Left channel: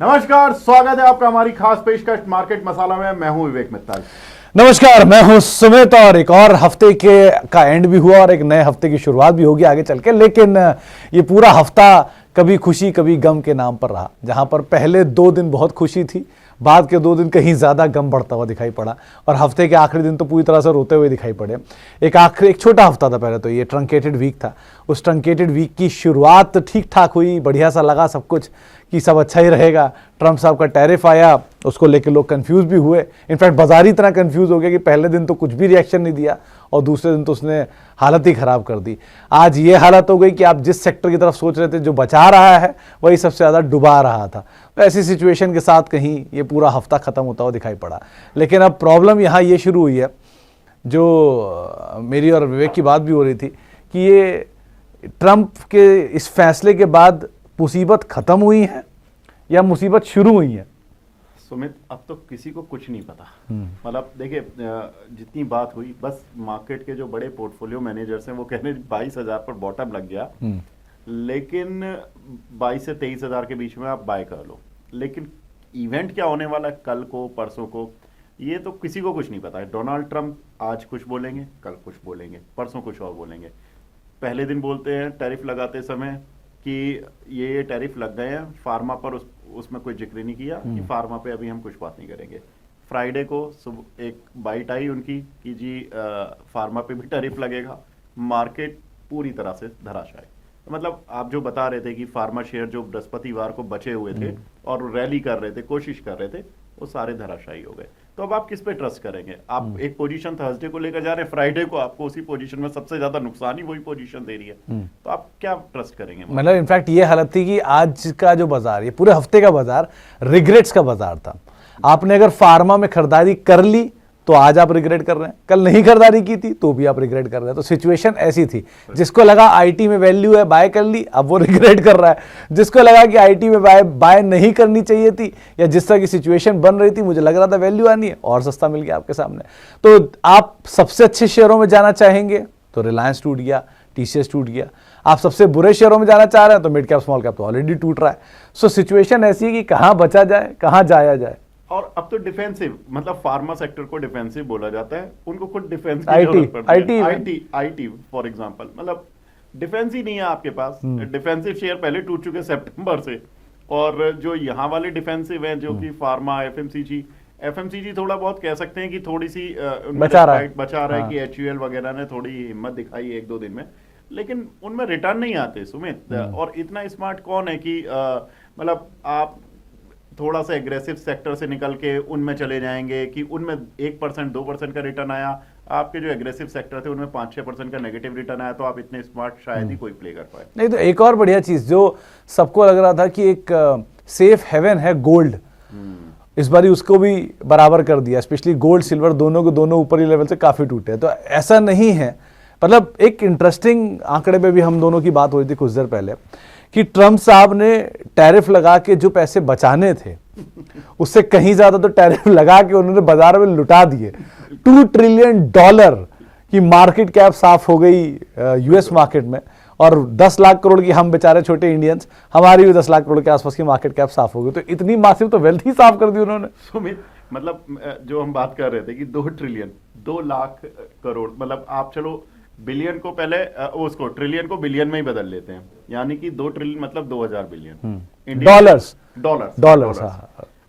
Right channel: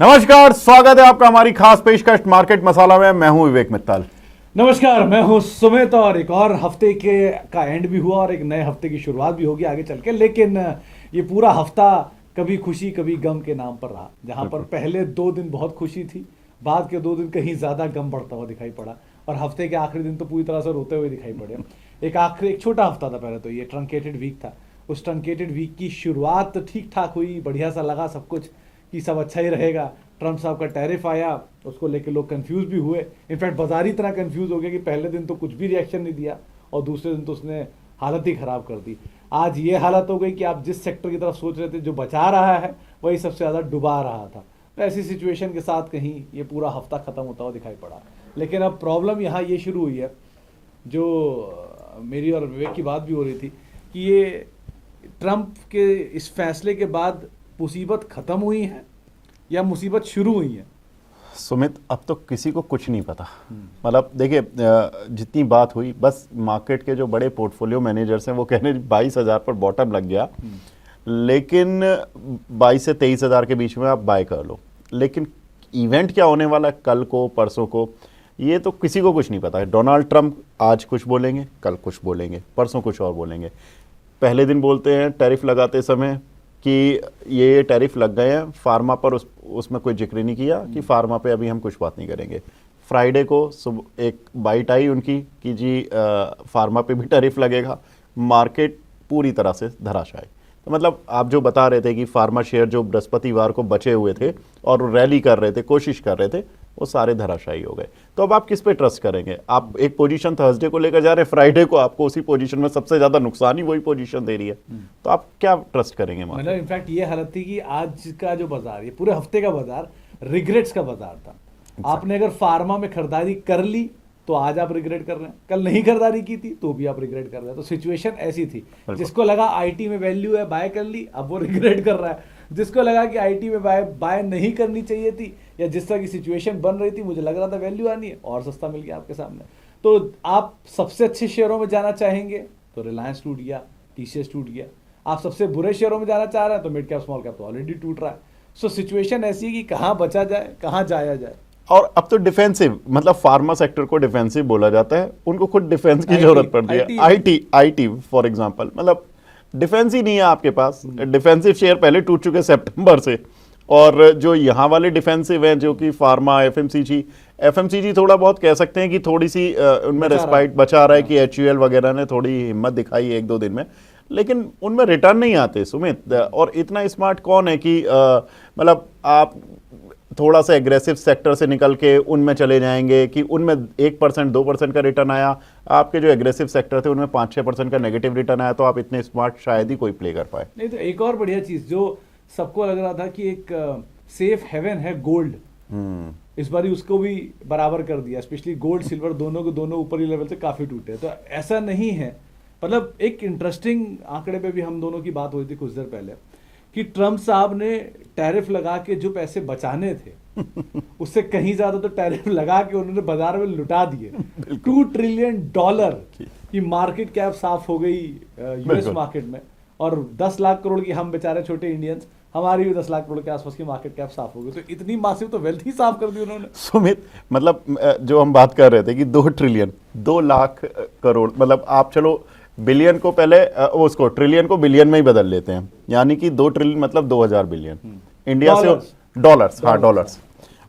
नमस्कार, स्वागत है आपका हमारी खास पेशकश मार्केट मसाला में। मैं हूं विवेक मित्तल। नमस्कार, मैं हूं सुमित। और एक और हफ्ते के का एंड भी हुआ और एक नए हफ्ते की शुरुआत भी होगी आगे चल के। लेकिन ये पूरा हफ्ता कभी खुशी कभी गम के नाम पर रहा, जहां पर पहले 2 दिन बहुत खुशी थी, बाद के 2 दिन कहीं ज्यादा गम बढ़ता हुआ दिखाई पड़ा और हफ्ते के आखिरी दिन तो पूरी तरह से रोते हुए दिखाई पड़े। एक छोटा हफ्ता था पहले तो, ये ट्रंकेटेड वीक था। उस ट्रंकेटेड वीक की शुरुआत ठीक ठाक हुई, बढ़िया सा लगा सब कुछ कि सब अच्छा ही रहेगा। ट्रंप साहब का टैरिफ आया, उसको लेकर लोग कंफ्यूज भी हुए। इनफैक्ट बाजार ही इतना कंफ्यूज हो गया कि पहले दिन तो कुछ भी रिएक्शन नहीं दिया और दूसरे दिन तो उसने हालत ही खराब कर दी। आज ये हालत हो गई कि आप जिस सेक्टर की तरफ सोच रहे थे जो बचा रहा है, वही सबसे ज़्यादा डुबा रहा था। तो ऐसी सिचुएशन के साथ कहीं ये पूरा हफ्ता ख़त्म होता हुआ दिखाई पड़ा। लेकिन अब प्रॉब्लम यहाँ ये शुरू हुई है, जो मेरी और विवेक की बात भी हो रही थी, कि ये ट्रंप के इस फैसले के बाद मुसीबत खत्म हुई है या मुसीबत शुरू हुई है। सुमित, अब तो किसी को कुछ नहीं पता। मतलब देखिए, जितनी बात हुई, बस मार्केट के जो बड़े पोर्टफोलियो मैनेजर्स हैं वो कह रहे हैं 22,000 पर बॉटम लग गया, लेकिन 22 से 23,000 के बीच में आप बाय कर लो। लेकिन इवेंट क्या होने वाला है कल को परसों को, ये तो किसी को कुछ नहीं पता है। डोनाल्ड ट्रंप आज कुछ बोलेंगे, कल कुछ बोलेंगे, परसों कुछ और बोलेंगे। पहले दिन बोलते हैं टैरिफ लगाते समय कि ये टैरिफ लग गए हैं फार्मा पर, उसमें कोई जिक्र नहीं किया कि फार्मा पे अभी हम कुछ बात नहीं करेंगे। फ्राइडे को एक बाइट आई उनकी कि जी फार्मा पे भी टैरिफ लगेगा। मार्केट पूरी तरह से धराशायी। तो मतलब आप जो बता रहे थे कि फार्मा शेयर जो बृहस्पतिवार को बचे हुए थे और रैली कर रहे थे, कोशिश कर रहे थे, वो सारे धराशायी हो गए। तो अब आप किस पे ट्रस्ट करेंगे? आप एक पोजीशन थर्सडे को लेकर जा रहे हैं, फ्राइडे को आपको उसी पोजीशन में सबसे ज्यादा नुकसान ही वही पोजीशन दे रही है, तो आप क्या ट्रस्ट करेंगे? मतलब इनफैक्ट ये हालत थी कि आज का जो बाजार, ये पूरे हफ्ते का बाजार रिग्रेट्स का बाजार था। आपने अगर फार्मा में खरीदारी कर ली तो आज आप रिग्रेट कर रहे हैं, कल नहीं खरीदारी की थी तो भी आप रिग्रेट कर रहे हैं। तो सिचुएशन ऐसी थी, जिसको लगा आईटी में वैल्यू है बाय कर ली, अब वो रिग्रेट कर रहा है। जिसको लगा कि आईटी में बाय नहीं करनी चाहिए थी, या जिस तरह की सिचुएशन बन रही थी, मुझे लग रहा था वैल्यू आनी है और सस्ता मिल गया आपके सामने। तो आप सबसे अच्छे शेयरों में जाना चाहेंगे तो रिलायंस टूट गया, टीसीएस टूट गया। आप सबसे बुरे शेयरों में जाना चाह रहे हैं तो मिड कैप स्मॉल कैप तो ऑलरेडी टूट रहा है। सो सिचुएशन ऐसी है कि कहां बचा जाए, कहां जाया जाए। और अब तो डिफेंसिव, मतलब फार्मा सेक्टर को डिफेंसिव बोला जाता है, उनको खुद डिफेंस की जरूरत पड़ती है। आईटी फॉर एग्जांपल, मतलब डिफेंस ही नहीं है आपके पास। डिफेंसिव शेयर पहले टूट चुके सितंबर से, और जो यहाँ वाले डिफेंसिव हैं जो कि फार्मा, एफएमसीजी थोड़ा बहुत कह सकते हैं कि थोड़ी सी उनमें रेस्पाइट बचा रहा है कि एचयूएल वगैरह ने थोड़ी हिम्मत दिखाई 1-2 दिन में, लेकिन उनमें रिटर्न नहीं आते सुमित। और इतना स्मार्ट कौन है कि मतलब आप थोड़ा सा एग्रेसिव सेक्टर से निकल के उनमें चले जाएंगे कि उनमें 1% 2% का रिटर्न आया, आपके जो एग्रेसिव सेक्टर थे उनमें 5-6% का नेगेटिव रिटर्न आया, तो आप इतने स्मार्ट शायद ही कोई प्ले कर पाए। नहीं तो एक और बढ़िया चीज जो सबको लग रहा था कि एक सेफ हेवन है गोल्ड, इस बार उसको भी बराबर कर दिया। स्पेशली गोल्ड सिल्वर दोनों के दोनों ऊपरी लेवल से काफी टूटे। तो ऐसा नहीं है, मतलब एक इंटरेस्टिंग आंकड़े पे भी हम दोनों की बात हो रही थी कुछ देर पहले कि ट्रंप साहब ने टैरिफ लगा के जो पैसे बचाने थे उससे कहीं ज्यादा तो टैरिफ लगा के उन्होंने बाजार में लुटा दिए। $2 ट्रिलियन की मार्केट कैप साफ हो गई यूएस मार्केट में, और 10 लाख करोड़ की हम बेचारे छोटे इंडियंस, हमारी भी 10 लाख करोड़ के आसपास की मार्केट कैप साफ हो गई। तो इतनी मासिव तो वेल्थ ही साफ कर दी उन्होंने। सुमित, मतलब जो हम बात कर रहे थे कि 2 ट्रिलियन 2 लाख करोड़, मतलब आप चलो बिलियन को पहले उसको ट्रिलियन को बिलियन में ही बदल लेते हैं, यानी कि 2 ट्रिलियन मतलब 2000 बिलियन डॉलर्स।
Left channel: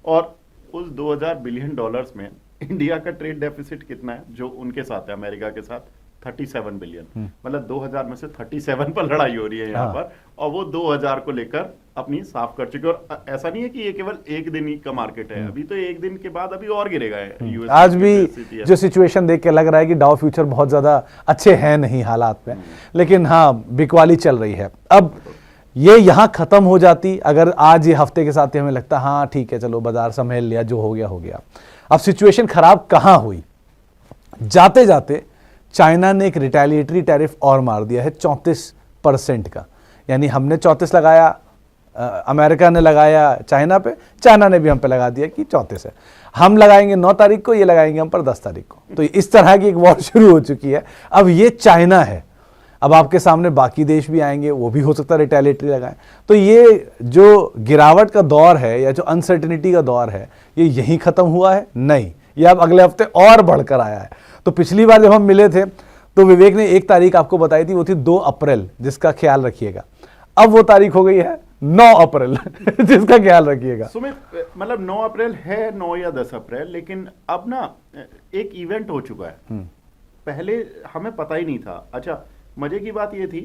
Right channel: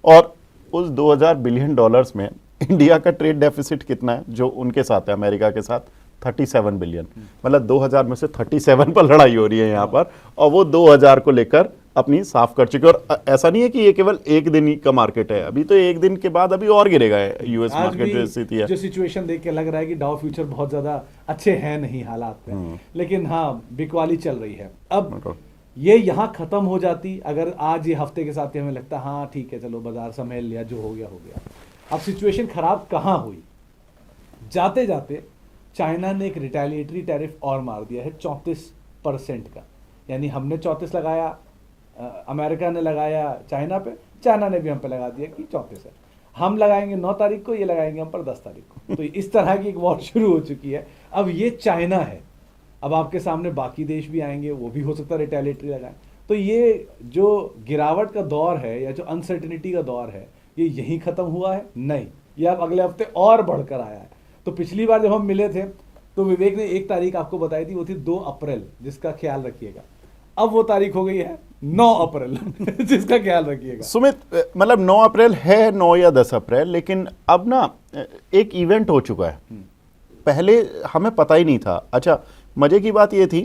और उस 2000 बिलियन डॉलर्स में इंडिया का ट्रेड डेफिसिट कितना है जो उनके साथ है, अमेरिका के साथ? 37 बिलियन। मतलब 2000 में से 37 पर लड़ाई हो रही है यहाँ पर, और वो 2000 को लेकर अपनी साफ कर चुके। और ऐसा नहीं है कि ये केवल एक दिन ही का मार्केट है, अभी तो एक दिन के बाद अभी और गिरेगा यूएस। आज भी जो सिचुएशन देख के लग रहा है कि डाउ फ्यूचर बहुत ज्यादा अच्छे हैं नहीं हालात में, लेकिन हाँ बिकवाली चल रही है। अब ये यहाँ खत्म हो जाती अगर आज ये हफ्ते के साथ ही हमें लगता हाँ ठीक है चलो बाजार संभल लिया, जो हो गया हो गया। अब सिचुएशन खराब कहाँ हुई? जाते जाते चाइना ने एक रिटेलिएटरी टैरिफ और मार दिया है 34% का। यानी हमने 34 लगाया, अमेरिका ने लगाया चाइना पे, चाइना ने भी हम पे लगा दिया कि 34 है। हम लगाएंगे 9 तारीख को, ये लगाएंगे हम पर 10 तारीख को। तो इस तरह की एक वॉर शुरू हो चुकी है। अब ये चाइना है, अब आपके सामने बाकी देश भी आएंगे, वो भी हो सकता है रिटेलिएटरी लगाएं। तो ये जो गिरावट का दौर है या जो अनसर्टेनिटी का दौर है, ये यहीं खत्म हुआ है? नहीं, ये अब अगले हफ्ते और बढ़कर आया है। तो पिछली बार जब हम मिले थे तो विवेक ने एक तारीख आपको बताई थी, वो थी 2 अप्रैल, जिसका ख्याल रखिएगा। अब वो तारीख हो गई है 9 अप्रैल जिसका ख्याल रखिएगा। सुमित, मतलब 9 अप्रैल है, 9 या 10 अप्रैल, लेकिन अब ना एक इवेंट हो चुका है, पहले हमें पता ही नहीं था। अच्छा, मजे की बात ये थी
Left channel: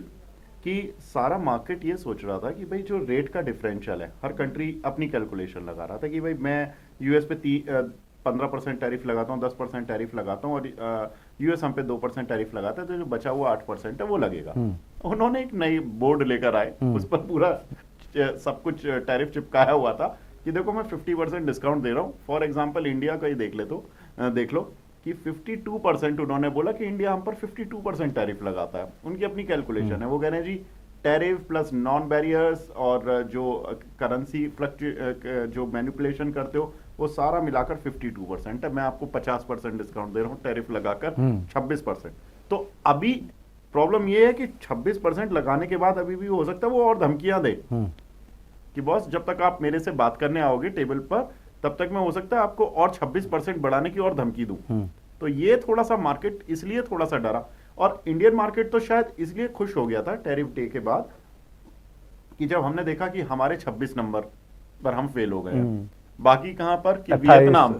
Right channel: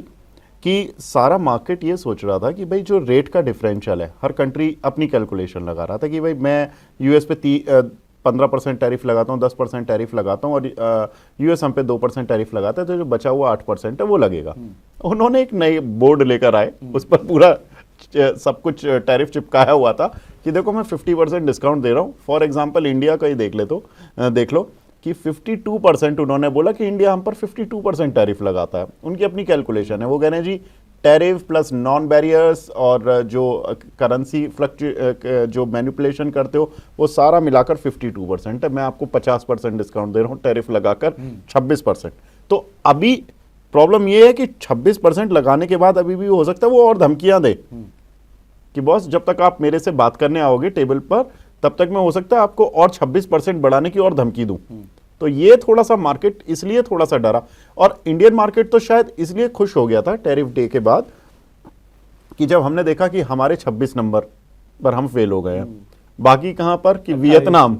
कि सारा मार्केट ये सोच रहा था कि भाई जो रेट का डिफरेंशियल है, हर कंट्री अपनी कैलकुलेशन लगा रहा था कि भाई मैं यूएस पे 15% टैरिफ लगाता हूँ, 10% टैरिफ लगाता हूँ, और यूएस हम पे 2% टैरिफ लगाता है, तो जो बचा हुआ 8% है वो लगेगा। उन्होंने एक नई बोर्ड लेकर आए, उस पर पूरा सब कुछ टैरिफ चिपकाया हुआ था कि देखो मैं 50% डिस्काउंट दे रहा हूँ। फॉर एग्जाम्पल इंडिया का ही देख लो कि 52% उन्होंने बोला कि इंडिया हम पर 52% टैरिफ लगाता है। उनकी अपनी कैलकुलेशन है, वो कहने जी टैरिफ प्लस नॉन बैरियर्स और जो करेंसी जो मैनिपुलेशन करते हो वो सारा मिलाकर 52% है, मैं आपको 50% डिस्काउंट दे रहा हूँ टैरिफ लगाकर 26%। तो अभी प्रॉब्लम ये है कि 26% लगाने के बाद अभी भी हो सकता है वो और धमकियां दे कि बॉस जब तक आप मेरे से बात करने आओगे टेबल पर, तब तक मैं हो सकता है आपको और 26% बढ़ाने की और धमकी दूं। तो ये थोड़ा सा मार्केट इसलिए थोड़ा सा डरा, और इंडियन मार्केट तो शायद इसलिए खुश हो गया था टैरिफ डे के बाद कि जब हमने देखा कि हमारे 26 नंबर पर हम फेल हो गए हैं। बाकी कहां पर कि वियतनाम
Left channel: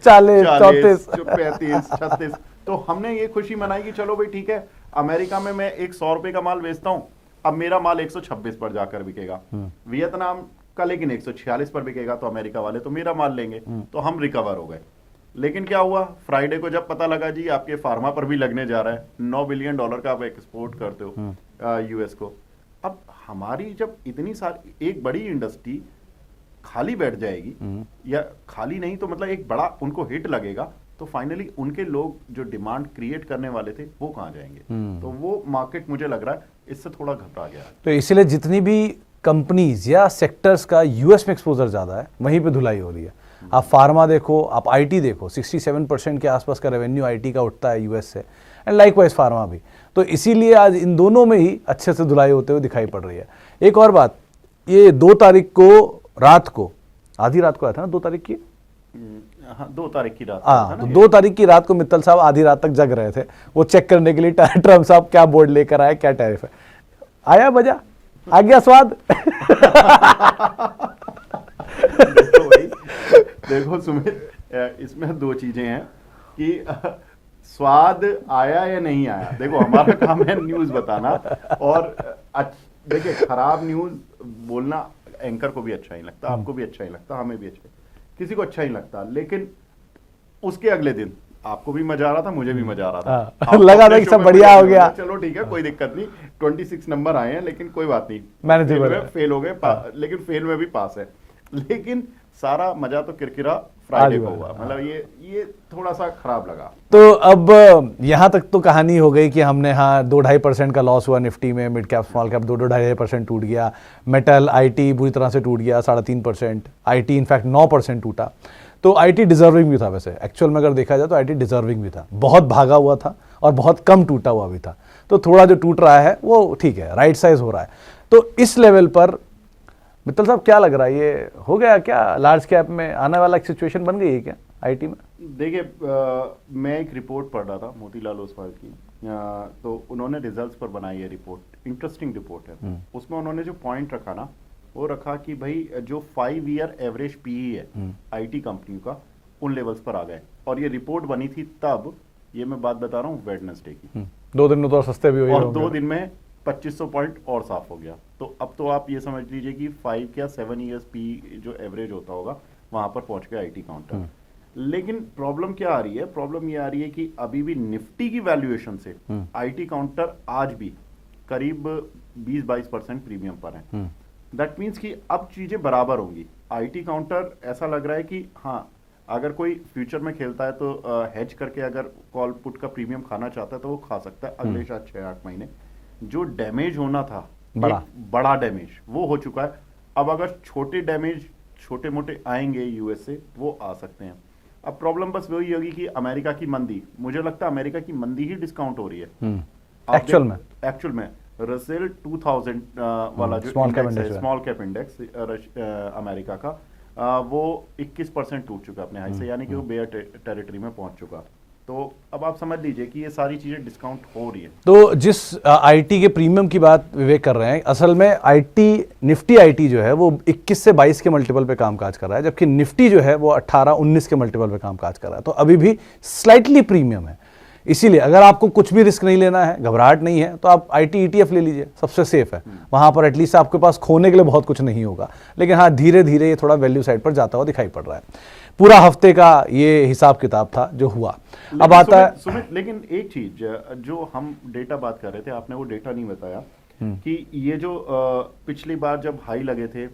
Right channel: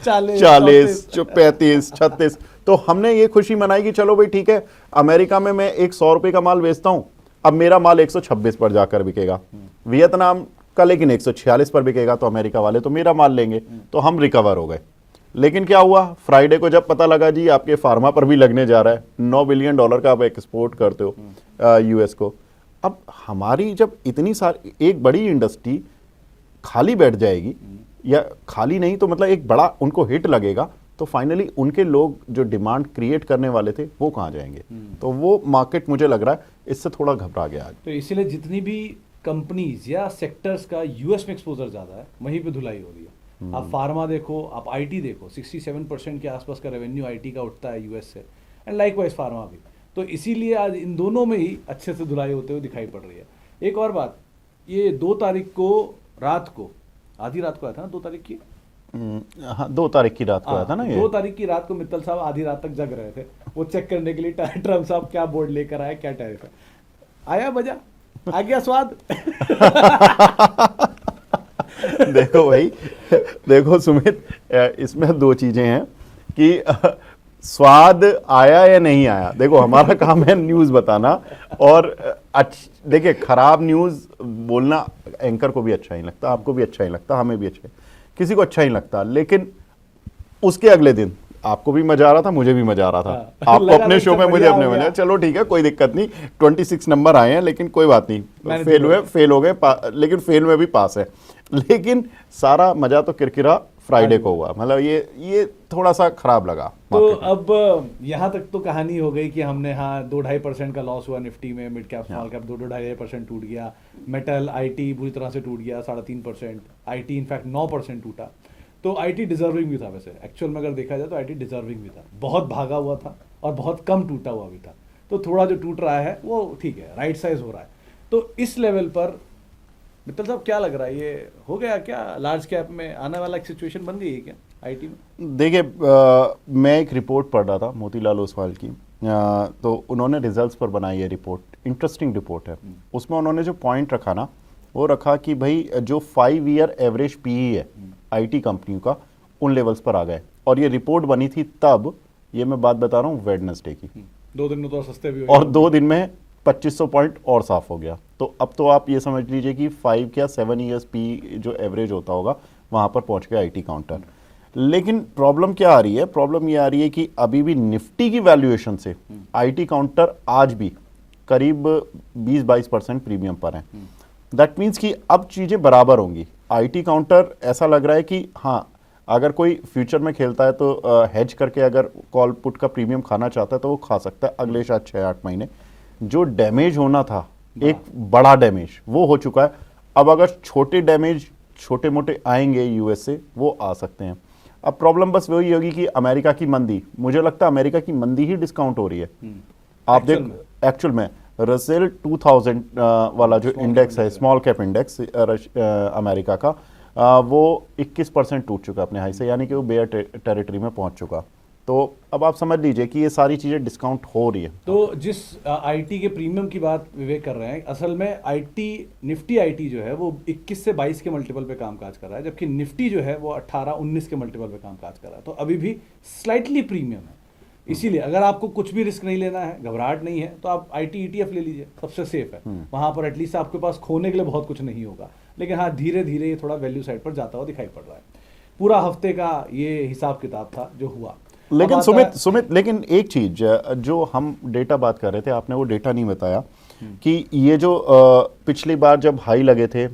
40, 35, 36। तो हमने ये खुशी मनाई कि चलो भाई ठीक है, अमेरिका में मैं एक 100 रुपए का माल बेचता हूं, अब मेरा माल 126 पर जाकर बिकेगा, वियतनाम का लेकिन 146 पर बिकेगा, तो अमेरिका वाले तो मेरा माल लेंगे, तो हम रिकवर हो गए। लेकिन क्या हुआ, फ्राइडे को जब पता लगा जी आपके फार्मा पर भी लगने जा रहा है, $9 बिलियन का आप एक्सपोर्ट करते हो यूएस को, अब हमारी जब इतनी सारी एक बड़ी इंडस्ट्री खाली बैठ जाएगी, या खाली नहीं तो मतलब एक बड़ा उनको हिट लगेगा, तो फाइनली उनके लोग जो डिमांड क्रिएट करने वाले थे वो कहां जाएंगे। तो वो मार्केट मुझे लग रहा है इससे थोड़ा घबरा गया। तो इसीलिए जितनी भी कंपनीज या सेक्टर्स का यूएस में एक्सपोजर ज्यादा है, वहीं पे धुलाई हो रही है। आप फार्मा देखो, आप आईटी देखो, 67% के आसपास का रेवेन्यू आईटी का उठता है यूएस से, एंड लाइकवाइज फार्मा भी। तो इसीलिए आज इन दोनों में ही अच्छे से धुलाई होते हुए दिखाई पड़ रही है। एक और बात, ये 2 तारीख को रात को, आधी रात को आया था ना 2 तारीख की, हाँ 2 तारीख की रात था ना। 2 तारीख की रात को मित्तल साहब आधी रात तक जग रहे थे, वो चेक करने के लिए ट्रम्प साहब क्या बोर्ड लेकर आए, क्या टैरिफ है। आया बजा, आ गया स्वाद। देखो भाई, देखो सुमित, इसमें 2 चीजें हैं कि स्वाद आया या नहीं आया। देखो हमारा काम है न्यूज बताना, और देखिए खराब न्यूज बोलना एंकर को भी अच्छा ही लगता, आपको भी अच्छा ही लगता, हमें भी अच्छा, किसी को अच्छा ही लगता। लेकिन उसके अगले दिन आपको भी मजा आ रहा था, मुझे भी मजा आ रहा था। आपको लगा अपने नहीं, शो सब में बढ़िया मुझे हो गया। चलो ठीक है, कोई दिक्कत नहीं, 26 नंबर आए हैं, लेकिन कोई बात नहीं, फेल हो गए, लेकिन फेल में भी पास है। लेकिन सारा मजा तो किरकिरा फ्राइडे को हुआ, मतलब ये थोड़ा सा खराब लगा। तो अब यहां तक तो कहानी हो गई कि हमने 2-2.5% का लॉस हुआ निफ्टी में, मिड कैप स्मॉल कैप 2-2.5% टूट गया, मेटल आईटी बुरी तरह से टूट गया 3.5%, आईटी इनफैक्ट 9% टूटा। तो आईटी डिजर्विंग भी था, वैसे एक्चुअल में अगर देखा जाए तो आईटी डिजर्विंग भी था, बहुत भागा हुआ था और बहुत कम टूटा हुआ भी था। तो थोड़ा जो टूट रहा है वो ठीक है, राइट साइज हो रहा है। तो इस लेवल पर मित्तल साहब क्या लग रहा है, ये हो गया क्या, लार्ज कैप में आने वाला एक सिचुएशन बन गई है क्या आईटी में? देखिए मैं एक रिपोर्ट पढ़ रहा था मोतीलाल ओसवाल की, तो उन्होंने रिजल्ट्स पर बनाई है रिपोर्ट, इंटरेस्टिंग रिपोर्ट है। उसमें उन्होंने जो पॉइंट रखा ना, वो रखा कि भाई जो 5 ईयर एवरेज पीई है आईटी कंपनियों का, उन लेवल्स पर आ गए। और ये रिपोर्ट बनी थी तब, ये मैं बात बता रहा हूँ वेडनेसडे की, 2 दिन में तो और सस्ते भी हो गए, और 2 दिन में 2500 पॉइंट और साफ हो गया। तो अब तो आप ये समझ लीजिए कि 5 या 7 ईयर्स पी जो एवरेज होता होगा वहां पर पहुंच गया आईटी काउंटर। लेकिन प्रॉब्लम क्या आ रही है, प्रॉब्लम ये आ रही है कि अभी भी निफ्टी की वैल्यूएशन से आईटी काउंटर आज भी करीब 20-22% प्रीमियम पर है। दैट मीन्स कि अब चीजें बराबर होंगी। आईटी काउंटर ऐसा लग रहा है कि हाँ, अगर कोई फ्यूचर में खेलता है तो हेज करके अगर कॉल पुट का प्रीमियम खाना चाहता है तो वो खा सकता है अगले शायद 6-8 महीने। जो डैमेज होना था, एक बड़ा डैमेज वो हो चुका है। अब अगर छोटे डैमेज छोटे मोटे आएंगे यूएस से, वो आ सकते हैं। अब प्रॉब्लम बस वही होगी कि अमेरिका की मंदी, मुझे लगता है अमेरिका की मंदी ही डिस्काउंट हो रही है। एक्चुअल में रसेल 2000 वाला जो इंडेक्स है, स्मॉल कैप इंडेक्स अमेरिका का, वो 21% टूट चुका अपने हाई से, यानी कि वो बेयर टेरिटरी में पहुंच चुका। तो अब आप समझ लीजिए कि ये सारी चीजें डिस्काउंट हो रही है। तो जिस आईटी के प्रीमियम की बात विवेक कर रहे हैं, असल में आईटी, निफ्टी आईटी जो है वो 21 से 22 के मल्टीपल पे कामकाज कर रहा है, जबकि निफ्टी जो है वो 18-19 के मल्टीपल पे कामकाज कर रहा है। तो अभी भी स्लाइटली प्रीमियम है। इसीलिए अगर आपको कुछ भी रिस्क नहीं लेना है, घबराहट नहीं है, तो आप आईटी ईटीएफ ले लीजिए, सबसे सेफ है। वहां पर एटलीस्ट आपके पास खोने के लिए बहुत कुछ नहीं होगा, लेकिन हाँ धीरे धीरे ये थोड़ा वैल्यू साइड पर जाता हुआ दिखाई पड़ रहा है। पूरा हफ्ते का ये हिसाब किताब था जो हुआ। अब आता है सुमित, लेकिन एक चीज जो हम डेटा बात कर रहे थे, आपने वो डेटा नहीं बताया कि ये जो पिछली बार जब हाई लगे थे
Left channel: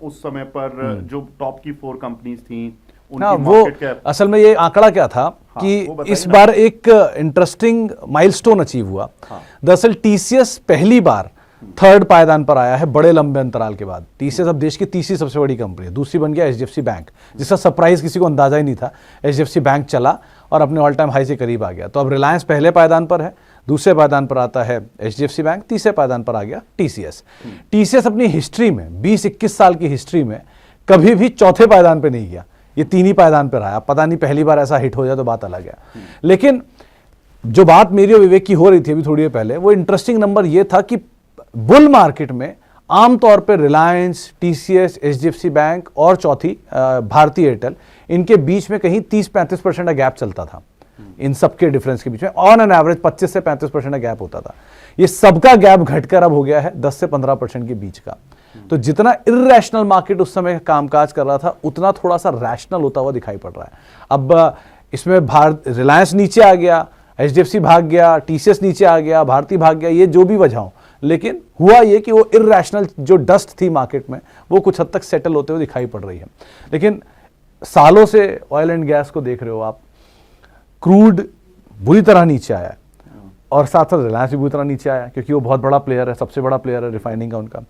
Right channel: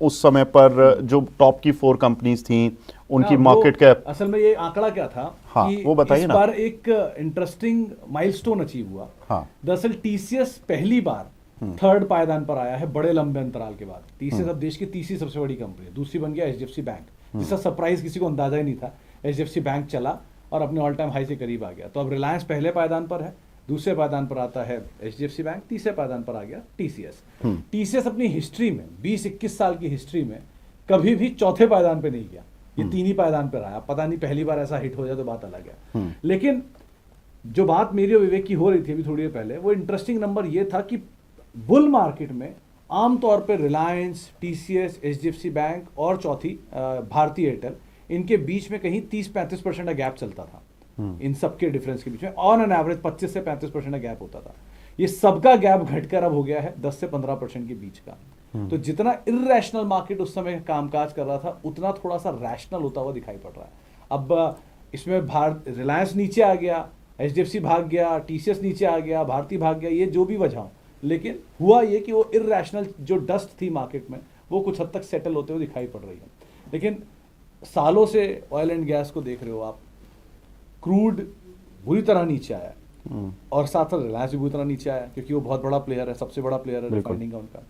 उस समय पर जो टॉप की 4 कंपनीज थी उनकी मार्केट कैप, असल में ये आंकड़ा क्या था हाँ, कि इस बार एक इंटरेस्टिंग माइलस्टोन अचीव हुआ। हाँ। दरअसल टीसीएस पहली बार 3rd पायदान पर आया है बड़े लंबे अंतराल के बाद। टीसीएस अब देश की तीसरी सबसे बड़ी कंपनी है, दूसरी बन गया एचडीएफसी बैंक, जिसका सरप्राइज किसी को अंदाजा ही नहीं था। एचडीएफसी बैंक चला और अपने ऑल टाइम हाई से करीब आ गया। तो अब रिलायंस पहले पायदान पर है, दूसरे पायदान पर आता है एचडीएफसी बैंक, तीसरे पायदान पर आ गया टीसीएस। टीसीएस अपनी हिस्ट्री में 20-21 साल की हिस्ट्री में कभी भी चौथे पायदान पे नहीं गया, ये 3 ही पायदान पर आया। पता नहीं पहली बार ऐसा हिट हो जाए तो बात अलग है। लेकिन जो बात मेरी और विवेक की हो रही थी अभी थोड़ी देर पहले, वो इंटरेस्टिंग नंबर ये था कि बुल मार्केट में आमतौर पर रिलायंस, टीसीएस, एचडीएफसी बैंक और चौथी भारतीय एयरटेल, इनके बीच में कहीं 30-35% का गैप चलता था। इन सबके डिफरेंस के बीच में ऑन एन एवरेज 25 से 35% का गैप होता था। ये सबका गैप घटकर अब हो गया है 10 से 15% के बीच का। तो जितना इर्रेशनल मार्केट उस समय कामकाज कर रहा था, उतना थोड़ा सा रैशनल होता हुआ दिखाई पड़ रहा है। अब इसमें रिलायंस नीचे आ गया, एचडीएफसी भाग गया, टीसीएस नीचे आ गया, भारती भाग गया, ये जो भी वजह हो, लेकिन हुआ ये कि वो इर्रेशनल जो डस्ट थी मार्केट में वो कुछ हद तक सेटल होते हुए दिखाई पड़ रही है। लेकिन सालों से ऑयल एंड गैस को देख रहे हो आप, क्रूड बुरी तरह नीचे आया है और साथ साथ रिलायंस भी बुरी तरह नीचे आया, क्योंकि वो बहुत बड़ा प्लेयर है, सबसे बड़ा प्लेयर है रिफाइनिंग का उनका।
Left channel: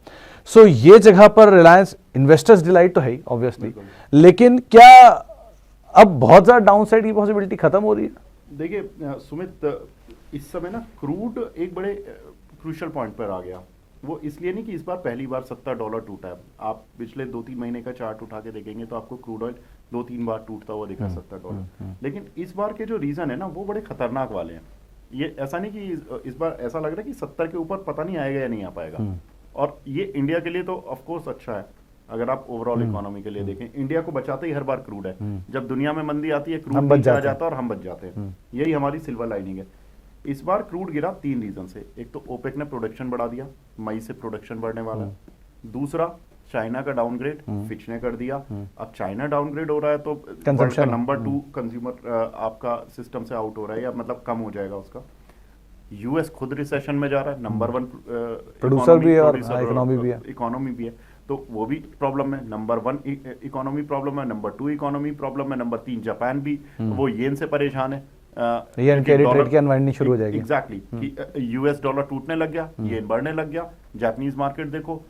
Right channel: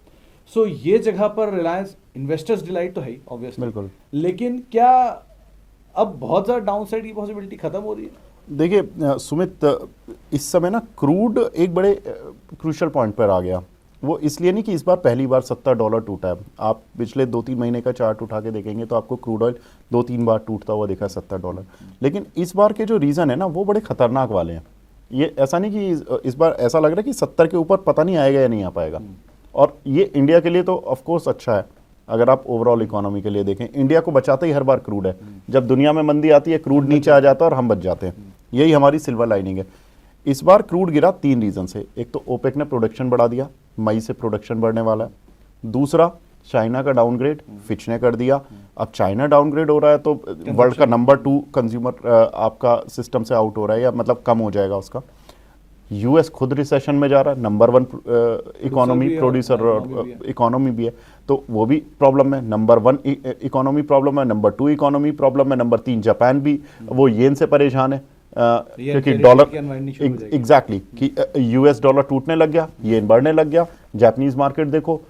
सो ये जगह पर रिलायंस इन्वेस्टर्स डिलाइट तो है ही ऑब्वियसली, लेकिन क्या अब बहुत ज्यादा डाउन साइड की पॉसिबिलिटी खत्म हो रही है? देखिए सुमित, इस समय ना क्रूड एक बड़े क्रूशियल पॉइंट पर आ गया। वो इसलिए नहीं कि इस बार पहली बार $70 टूटा है। आप पिछले 2-3 महीने का चार्ट उठा के देखेंगे तो आपको क्रूड ऑयल 2-3 बार टूटता हुआ दिखा $70। लेकिन इस बार के जो रीजन है ना, वो बड़े खतरनाक वाले हैं। ये ऐसा नहीं कि इस बार ऐसा लग रहा है कि 70 के ऊपर पता नहीं आएगा या नहीं आ पाएगा। और ये इंडिया के लिए तो ऑफकोर्स अच्छा है। अगर आप ओवरऑल इकोनॉमी के लिए देखें, इंडिया को बचाते ही हर बार क्रूड है। जब दुनिया में मंदी आती है, क्रूड नीचे आ जाता है और हम बच जाते हैं। यही हमारी सिल्वर लाइनिंग है। इस बार क्रूड गिरा 3 रीजन से। एक तो ओपेक ने प्रोडक्शन बढ़ा दिया, मई से प्रोडक्शन बढ़ने वाला है। दूसरा, चाइना का डाउनग्रेड फिच ने कर दिया। अब चाइना डाउनग्रेड हो रहा है तो वर्ल्ड का नंबर 2 कंज्यूमर आपका सिस्टम से आउट हो रहा है, या मतलब कम हो जाएगा उसका। यूएस खुद रिसेशन में जा रहा है, नंबर 1 इकोनॉमी भी है, तो वो भी प्रॉब्लम है। नंबर 1 इकोनॉमी प्रॉब्लम है, नंबर 2 इकोनॉमी प्रॉब्लम है, नंबर 3 जापान भी वो येन से परेशान है, डॉलर की अनवाइंडिंग शुरू हो जाएगी। एग्जैक्टली, कि यूएस डॉलर टूटने लग गया, येन बढ़ने लग गया। जापानीज मार्केट देखो,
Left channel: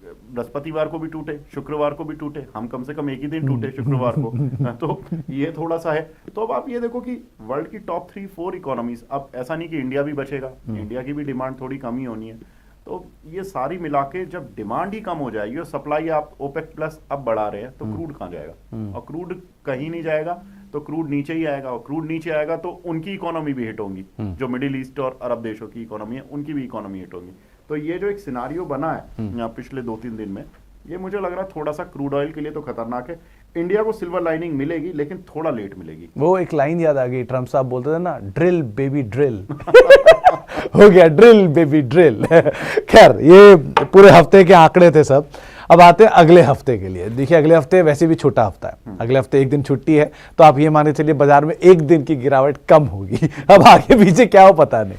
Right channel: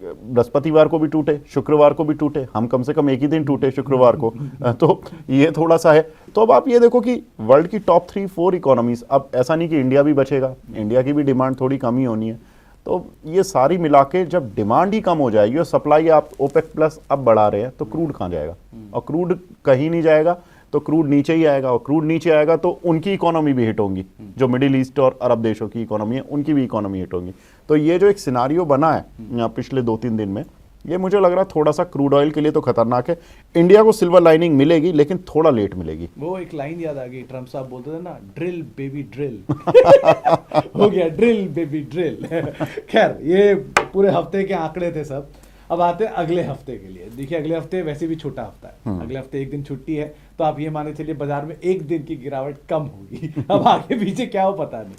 बृहस्पतिवार को भी टूटे, शुक्रवार को भी टूटे, हम कम से कम एक ही दिन टूटे शुक्रवार को। तो ये थोड़ा सा है। तो अब आप ये देखो कि वर्ल्ड की टॉप 3-4 इकोनॉमीज, अब ऐसा नहीं कि इंडिया भी बचेगा, इंडिया की भी डिमांड थोड़ी कम ही होनी है। तो ये सारी मिला के जब डिमांड ही कम हो जाएगी और सप्लाई आप ओपेक प्लस अब बढ़ा रहे हैं, तो क्रूड कहाँ जाएगा? और क्रूड कहीं नहीं जाएगा, तो क्रूड नीचे ही आएगा, और क्रूड नीचे आएगा तो उनकी इकोनॉमी भी हिट होंगी। जो मिडिल ईस्ट और अरब देशों की इकोनॉमी है, उनकी भी इकोनॉमी हिट होंगी। तो ये जो एक सिनारियो बना है पिछले 2-3 दिन में, ये मुझे लग रहा है थोड़ा सा क्रूड ऑयल के लिए तो खतरनाक है। इंडिया को सिल्वर लाइनिंग मिलेगी, लेकिन थोड़ा लेट मिलेगी। वो एक लाइन याद आ गई, ट्रम्प साहब बोलते थे ना, ड्रिल बेबी ड्रिल। हो गया ड्रिल बेबी ड्रिल। खैर, ये पूरे हफ्ते के आंकड़े थे सब। अब आते हैं अगले हफ्ते के लिए। देखिए, अगले हफ्ते वैसे भी छोटा हफ्ता है, अगले हफ्ते एक दिन छुट्टी है, तो आप ये माने चलिए बाजार में एक दिन की गिरावट कम होगी। अब आगे पीछे क्या हो पता नहीं,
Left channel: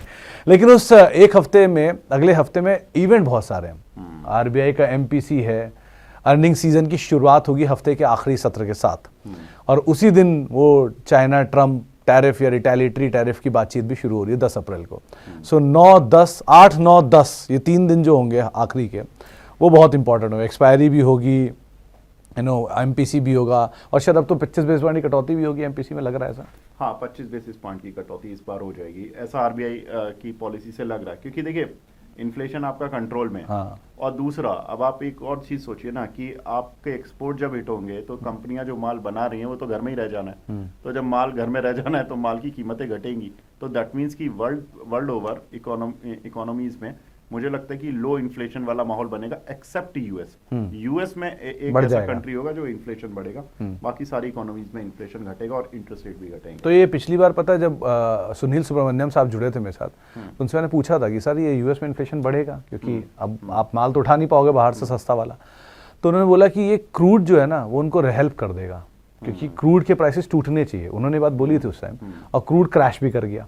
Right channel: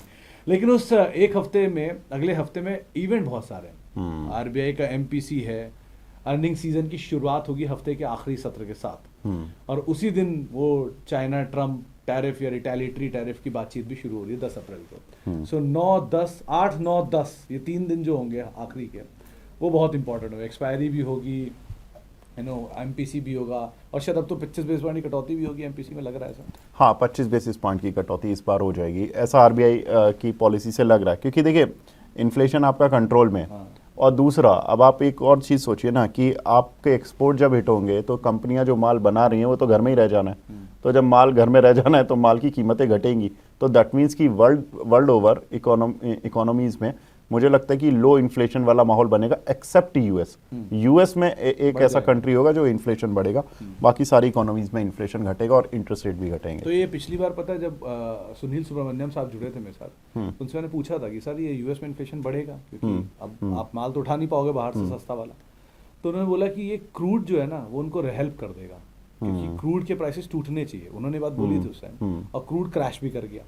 लेकिन उस एक हफ्ते में, अगले हफ्ते में इवेंट बहुत सारे हैं। आरबीआई का एमपीसी है, अर्निंग सीजन की शुरुआत होगी हफ्ते के आखिरी सत्र के साथ, और उसी दिन वो चाइना ट्रम्प टैरिफ या रिटेलिएटरी टैरिफ की बातचीत भी शुरू हो रही है 10 अप्रैल को। सो 8, 9, 10 ये 3 दिन जो होंगे आखिरी के, वो बहुत इंपॉर्टेंट होगा। एक्सपायरी भी होगी, एमपीसी भी होगा और शायद अब तो 25 बेसिस पॉइंट की कटौती भी होगी एमपीसी में, लग रहा है ऐसा। हाँ, 25 बेसिस पॉइंट की कटौती इस बार हो जाएगी, ऐसा आरबीआई की पॉलिसी से लग रहा है, क्योंकि देखिए इन्फ्लेशन आपका कंट्रोल में है। हाँ। और दूसरा, अब आप एक और चीज़ सोचिए ना कि आपके एक्सपोर्ट जब हिट होंगे तो कंपनियां जो माल बना रही हैं वो तो घर में ही रह जाना है। तो जब माल घर में रह जाना है तो माल की कीमतें घटेंगी, तो दैट मीन्स कि वर्ल्ड ओवर इकोनॉमीज में मुझे लगता है कि लो इन्फ्लेशन वाला माहौल बनेगा, एक्सेप्ट यूएस। यूएस में एक ऐसा कंट्री होगा जो इन्फ्लेशन बढ़ेगा, बाकी सारी इकोनॉमीज में इन्फ्लेशन घटेगा और इंटरेस्ट रेट भी घटेंगे। तो ये पिछली बार पता है जब सुनील सुब्रमण्यम साहब जुड़े थे मेरे साथ, उनसे मैंने पूछा था कि सर ये यूएस में इन्फ्लेशन बढ़ेगा क्योंकि अब आप माल तो उठा नहीं पाओगे बाहर से सस्ता वाला। तो उन्होंने बोला कि ये क्रूड जो है ना वो उनको हेल्प कर देगा, क्योंकि क्रूड के प्राइसेस टूटने चाहिए, उन्होंने बात बोली थी उस टाइम, और क्रूड क्रैश भी कर गया।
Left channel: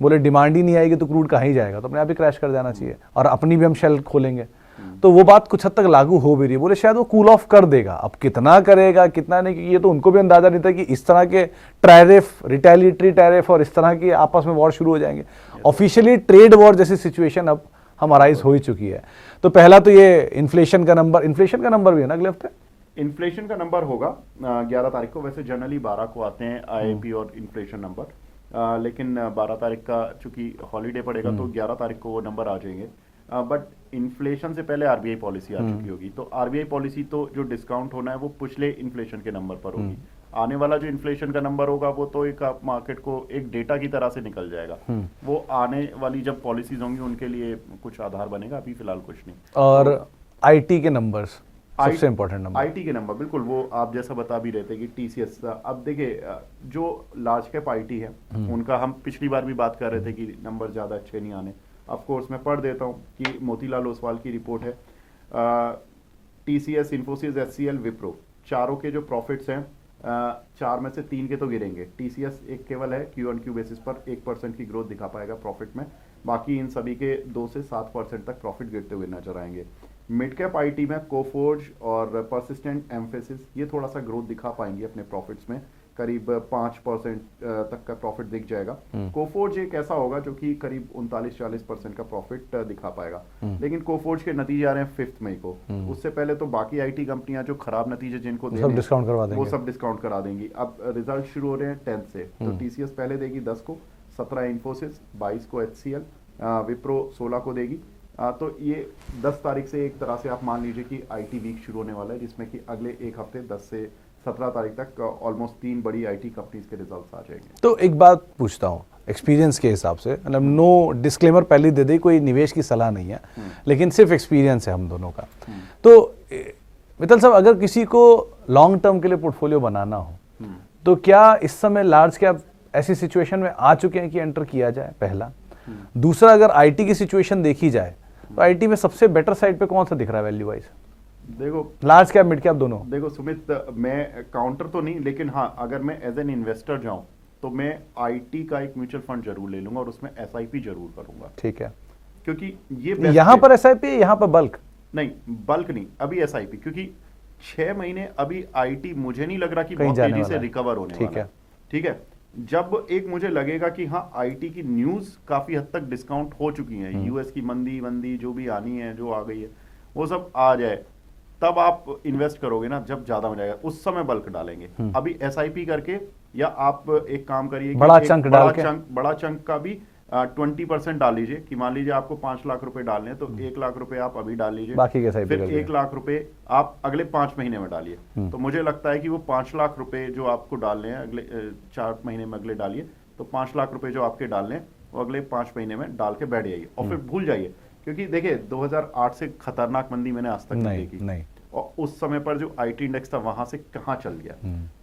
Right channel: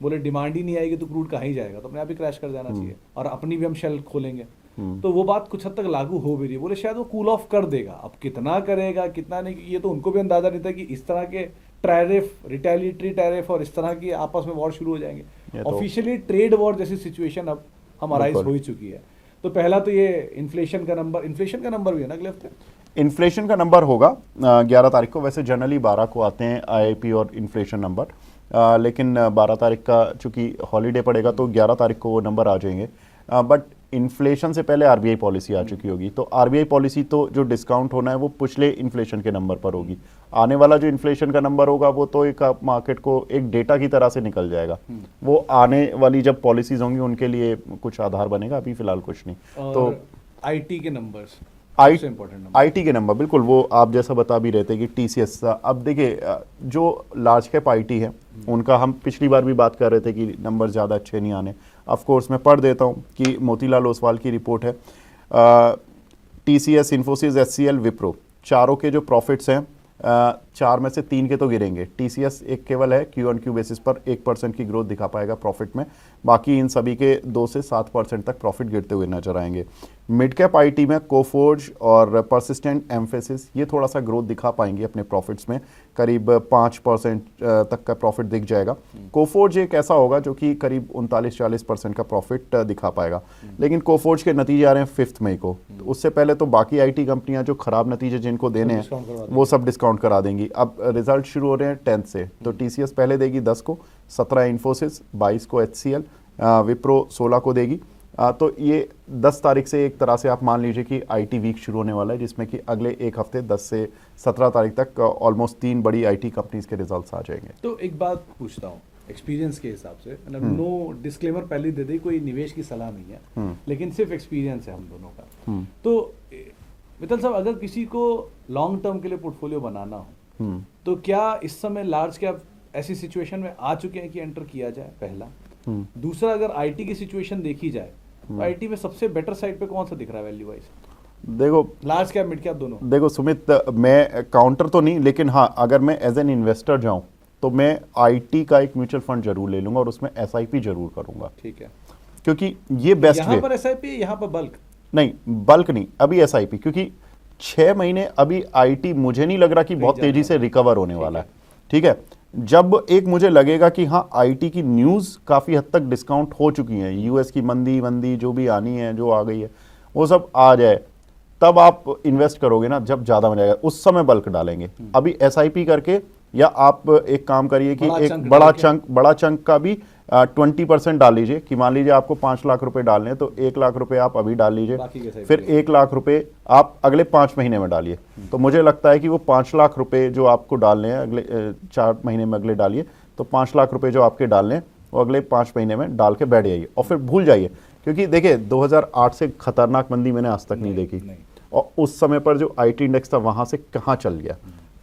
बोले डिमांड ही नहीं आएगी तो क्रूड कहाँ ही जाएगा, तो अपने आप ही क्रैश कर जाना चाहिए, और अपनी भी हम शेल खोलेंगे। तो वो बात कुछ हद तक लागू हो भी रही है। बोले शायद वो कूल ऑफ कर देगा, अब कितना करेगा कितना नहीं, क्योंकि ये तो उनको भी अंदाजा नहीं था कि इस तरह के टैरिफ, रिटेलिटरी टैरिफ और इस तरह की आपस में वॉर शुरू हो जाएंगे। ऑफिशियली ट्रेड वॉर जैसी सिचुएशन अब हम अराइज हो ही चुकी है। तो पहला तो ये इन्फ्लेशन का नंबर भी है ना अगले हफ्ते। इन्फ्लेशन का नंबर होगा 11 तारीख को, वैसे जनरली 12 को आते हैं आईआईपी और इन्फ्लेशन नंबर, लेकिन 12 तारीख का चूंकि हॉलीडे पड़ेगा तो 11 तारीख को वो नंबर आ जाएंगे। बट इन्फ्लेशन से पहले आरबीआई पॉलिसी आ चुकी होगी, तो आरबीआई पॉलिसी तो जो डिस्काउंट होना है वो पिछले इन्फ्लेशन के नंबर पर होगी। आने वाला जो इन्फ्लेशन का नंबर होगा वो तो एक मार्केट को एक डेटा की तरह से निकल जाएगा, वो आने वाली जब पॉलिसीज होंगी उनके लिए कुछ आधार बनेगा, अभी फिलहाल कुछ नहीं। और आईटी के नंबर्स सबसे इंपॉर्टेंट नंबर, आईटी के नंबर, बिल्कुल वो आप जैसा बता भी रहे थे कि टीसीएस। अब देखिए जो लार्ज कैप आईटी है उनका हम पिछली बार भी बात कर रहे थे कि नंबर ज़्यादा अच्छे नहीं आने। ऑफ कोर्स मैं पढ़ देता हूँ कि मोतीलाल ओसवाल की रिपोर्ट है, टीसीएस, इन्फोसिस, एचसीएल, विप्रो, चारों के जो प्रॉफिट्स हैं 4 में से 3 के तो गिरेंगे। टीसीएस एक केवल है क्यू ऑन क्यू बेसिस पर 1% की ग्रोथ दिखा पाएगा प्रॉफिट में, बाकी इन सभी के 2 से 7% तक प्रॉफिट गिरते हुए नजर आएंगे। मिड कैप आईटी में कोफोर्ज और परसिस्टेंट, एम्फेसिस ये थोड़ा सा ग्रोथ दिखा पाएंगे अपने प्रॉफिट्स में, करीब 5% तक का प्रॉफिट दिख जाएगा। कोफोर्ज एक ऐसा होगा जो कि करीब 39-40% का प्रॉफिट दिखा पाएगा, लेकिन कोफोर्ज के नतीजे आ रहे हैं 5 मई को, तो उससे पहले तो बाकी आईटी कंपनियां जो खराब नतीजे जिनको देने हैं वो सब डिस्काउंट करा देंगी। अब रिजल्ट शुरू हो रहे हैं 10 से, तो टीसीएस पहले देगी 10 को, 17 इन्फोसिस, 22 को एचसीएल, विप्रो 16 को देगी। तो ये 10 तारीख से एक तरह से आप मान लीजिए कि आईटी वीक शुरू होने वाला है, जिसमें कि अगले एक हफ्ते 10 से 17 तारीख तक ऑलमोस्ट 3 बड़ी आईटी कंपनीज के रिजल्ट्स आ जाएंगे। तो एक बात पूछता हूँ एक्सपीरियंस के हिसाब से, मतलब नो डिस्क्लेमर पहले दे दे, कोई निवेश की सलाह नहीं है, लेकिन सिर्फ एक्सपीरियंस है हम दोनों का। तो मित्तल साहब, अगर किसी को लॉन्ग टर्म के लिए पोर्टफोलियो बनाना हो तो क्या इस समय लार्ज कैप ऐसी सिचुएशन में आ चुके हैं कि एंटर किया जाए, पहला। दूसरा, अगर आईटी की सिचुएशन देखी जाए तो आईटी में सबसे बेटर साइड पे कौन सा दिख रहा है वैल्यू वाइज? देखो लार्ज कैप, मिड कैप, दोनों। देखो सुमित, मैं काउंटर तो नहीं, लेकिन हाँ अगर मैं एज एन इन्वेस्टर जाऊं तो मैं आईटी का एक म्यूचुअल फंड जरूर ले लूंगा और उसमें एसआईपी जरूर करूंगा। ठीक है, क्योंकि ये बेस्ट यहाँ पर एसआईपी, यहाँ पर बल्क नहीं, बल्क नहीं, अभी एसआईपी, क्योंकि 6 महीने अभी आईटी मुझे नहीं लग रहा कि बहुत तेजी से रिकवर होने वाला है। ठीक है, जब एक मुझे लगेगा कि हाँ आईटी की न्यूज काफी हद तक डिस्काउंट हो चुकी है, यूएस की मंदी जो भी आनी है, जो आ गई है, वो सब आ जाए, तब आप इन्वेस्ट करोगे ना, जब ज्यादा मिल जाएगा उस समय बल्क डालेंगे। अभी एसआईपी करके, या आप एक काम करिए कि बड़ा चंक का भी 20% डाल लीजिए, कि मान लीजिए आपको 5 लाख रुपए डालने हैं तो 1 लाख रुपए आप अभी डाल लीजिए, फिर 1 लाख रुपए आप अगले 5 महीने में डालिए। तो मुझे लगता है कि वो 5 लाख रुपए जो आपको डालने हैं अगले 4 महीने में अगले डालिए, तो 5 लाख रुपए जो आपके डालने हैं वो अगले 5 महीने में डाल के बैठ जाइए और फिर भूल जाइए। क्योंकि देखिए 2008 से खतरनाक मंदी मैंने आज तक नहीं देखी, और उस समय पर जो आईटी इंडेक्स था वहां से कहां चल गया।